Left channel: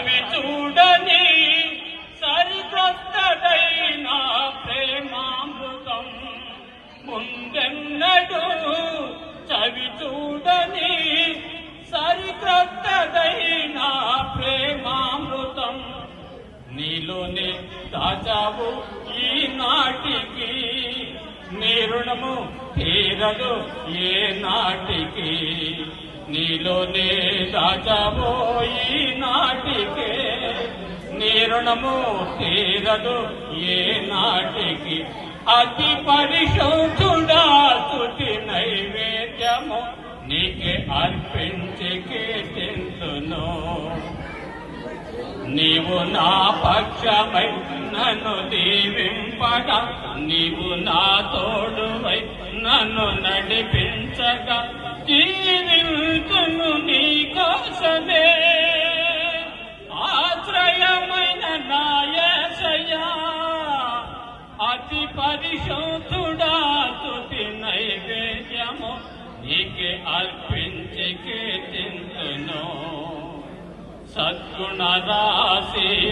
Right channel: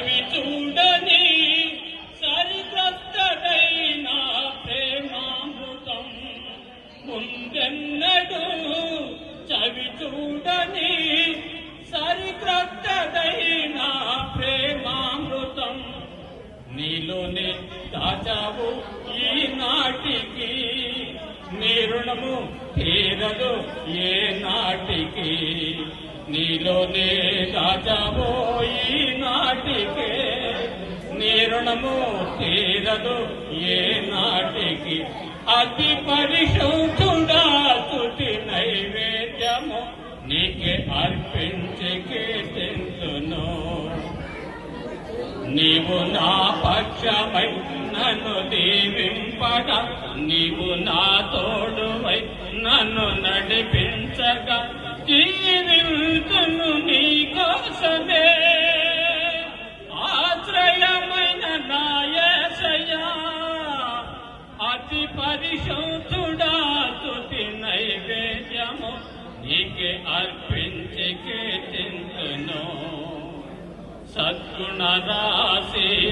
చవి చూడని సరికొత్తదైన ప్రేమామృతం ముందెన్నడు చవి చూడని సరికొత్తదైన ప్రేమామృతం నీలోనే దాచావు ఈనాటికి నీ రుణము తీరదు ఏ నాటికి నీలోనే దాచావు ఈనాటికి నీ రుణము తీరదు ఏ నాటికి అతి పరిశుద్ధుడా స్తుతి నైవేద్యము నీకే అర్పించి కీర్తింతును నీవు నా పక్షమై నన్ను దీవింపగా నీవు నా తోడువై నన్ను నడిపించగా జీవించును నీ కోసమే ఆశ్రయమైన నా యేసయ్యా అతి పరిశుద్ధుడా స్తుతి నైవేద్యము నీకే అర్పించి కీర్తింతును సద్గుణ రాశి